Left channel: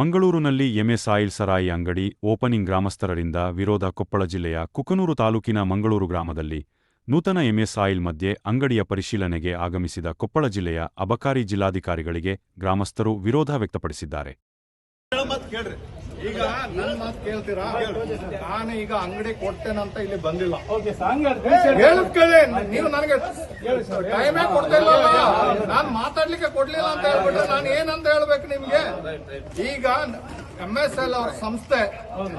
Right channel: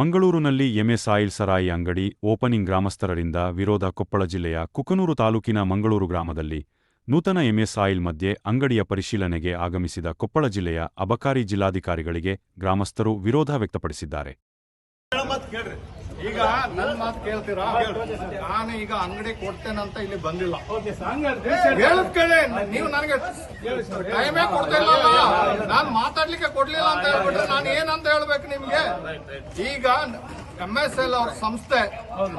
ಮಂಗಳೂರಿನಲ್ಲಿ MS oil ಸರಾಯಿ ಅಂಗಡಿ opening ಗ್ರಾಮಸ್ಥರರಿಂದ ವಿರೋಧ ಕೊಪ್ಪಳ ಜಿಲ್ಲೆಯ ಕುಕನೂರು ತಾಲೂಕಿನ ಮಂಗಳೂರು ಗ್ರಾಮದಲ್ಲಿ ನೂತನ ಎಂಎಸ್ ಆಯಿಲ್ ಮಧ್ಯೆ ಅಂಗಡಿಯ ಪರಿಶೀಲನೆಗೆ ಆಗಮಿಸಿದ ಕೊಪ್ಪಳ ಜಿಲ್ಲೆಯ ಅಬಕಾರಿ ಜಿಲ್ಲಾಧಿಕಾರಿಗಳಿಗೆ ಗ್ರಾಮಸ್ಥರು ವಿರೋಧ ವ್ಯಕ್ತಪಡಿಸಿದ್ದಾರೆ. ಈಗ ನನ್ನ ಮಾತು ಕೇಳ್ತೀರಾ? ನಾನು ಈಗ ಅಂಗಡಿ ಕೊಡ್ತೇನಂತ ಇಲ್ಲಿ ಬಂದಿಲ್ಲ. ಹೇಳದ್ ಕೇಳಿ. ನೀವು ನನಗೆ ಟೈಮೇ ಕೊಡ್ತಾ ಮಾತಾಡ್ಲಿಕ್ಕೆ ಕೊಡ್ಲಿಲ್ಲ ಅಂತ ಹೇಳ್ಬಿಟ್ರೆ ನಾನು ಏನಂತ ಹೇಳ್ಬೇಕು ನಿಮ್ಗೆ? ಈಗ ಎಂ ಎಸ್ ಎಲ್ ಅವ್ರ ಸಂಸ್ಥೆ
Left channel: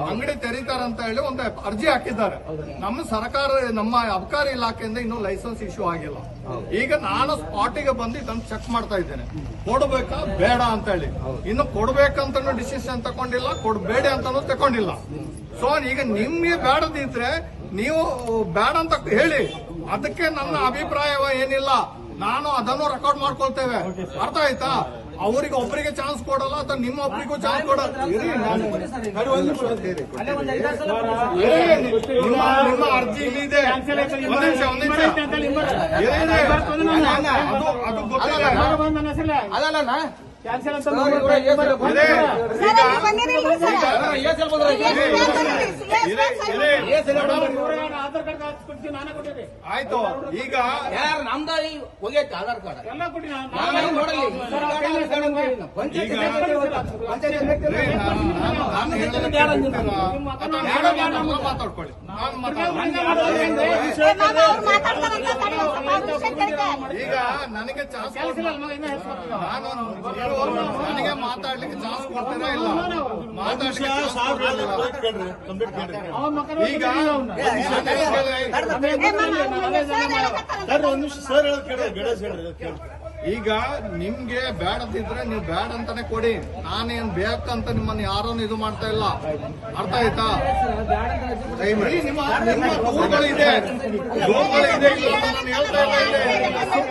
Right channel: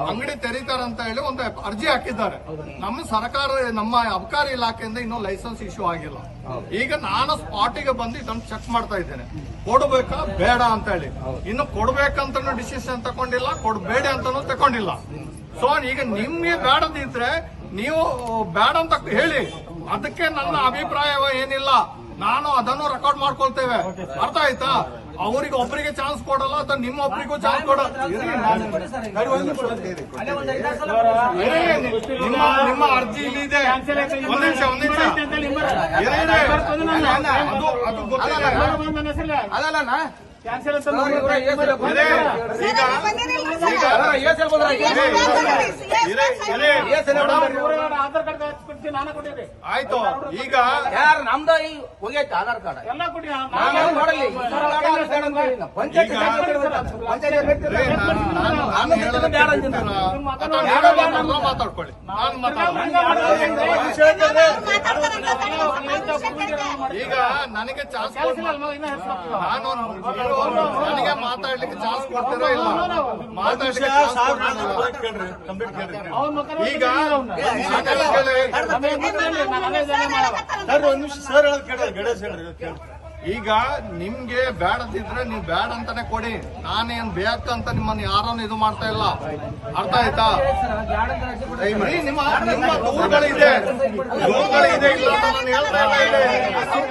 ಅಂಗಡಿ ತೆರೀತಾರಂತ ಹೇಳಿ ಒಂದು ಅರ್ಜಿ ಹಾಕಿದ್ದಾರೆ. ನಮ್ಮ ಸರ್ಕಾರ, ನಮ್ಮ ಅಬಕಾರಿ ಇಲಾಖೆಯಿಂದ ಇನ್ನೂ ಲೈಸೆನ್ಸ್ ಇಶ್ಯೂ ಆಗಿಲ್ಲ. ಈಗ ನಾನು ಸ್ಪಾಟಿಗೆ ಬಂದು ಇದನ್ನು ಚೆಕ್ ಮಾಡ್ತಾ ಇದ್ದೇನೆ. ಕೊಡ್ಬೇಕಾ ಬೇಡ ಅಂತ ಹೇಳಿ. ಇನ್ನು ಕೊಡ್ಬೇಕಂತನೂ ಡಿಸಿಷನ್ ತಗೊಂಡಿಲ್ಲ, ಕೊಡ್ಬೇಡಿ ಅಂತಾನು ತಗೊಂಡಿಲ್ಲ. ಸೊ ಈಗ ನಿಮ್ಗೆ ಬೇಡದಿದ್ರೆ ನೀವು ಬೇಡ ಅಂತ ಹೇಳಿ. ಅದಕ್ಕೆ ನನ್ನ ಅಭಿಪ್ರಾಯ ಏನಿಲ್ಲ ನಾನು ಅದನ್ನು ರೆಕಾರ್ಡ್ ಮಾಡ್ಕೊಳ್ತೇವೆ ಅರ್ಥ ಆಯ್ತಾ ಅವರಿಗೆ ಒಬ್ಬರಿಗೆ ಚಾನ್ಸ್ ಕೊಡಲ್ಲ ಅಥವಾ ನಿಮ್ಮ ಒಬ್ಬರಿಗೂ ಚಾನ್ಸ್ ಕೊಡಲ್ಲ ನಿಮ್ಮ ಅರ್ಜಿ ಇದೆ. ಇದೆ, ಇದೆ. ಆಧಾರ್ ಕಾರ್ಡ್ ನಾನು ಕೊಟ್ಟಿದ್ದೆ ಆಯ್ತು ಈಗ ಯಾರು ನಮ್ದ ಈ ಹೋಗೈತೆ ಆಧಾರ್ ಕಾರ್ಡ್ ಎಲ್ಲ ಕೊಡಿ ನಾನು ನೋಡಲಿ ಪಂಚಾಯತ್ ಮಾತಾಡ್ಕೊಳ್ಳಿ. ಈಗ ನನಗೆ ಚಾನ್ಸ್ ನಾನು ನನಗೆ ಮಾತಾಡ್ಲಿಕ್ಕೆ ಚಾನ್ಸ್ ಕೊಡ್ತೀರಾ ಇಲ್ಲ ಮಾತಾಡ್ಲಿಕ್ಕೆ ಚಾನ್ಸ್ ಕೊಡ್ತೀರಾ? ಈಗ ಈಗ ನಿಮ್ಗೆ ಬೇಡದಿದ್ರೆ ನೀವು ಬೇಡ ಅಂತಾನೆ ಕೊಡಿ ನಾನೇನ್ ಬೇಕ ಅಂತ ನಿಮ್ಮನ್ನ ಯಾರನ್ನು ಇದು ಮಾಡ್ತಾ ಇಲ್ಲ ಅರ್ಥ ಆಯ್ತಾ ನಿಮ್ಮ ದೂರುಗಳಿದೆ ದೂರುಗಳಿದೆ ಇಲ್ಲ ಅಂತ ನಾನು ಹೇಳ್ತಾ ಇಲ್ಲ ಇದು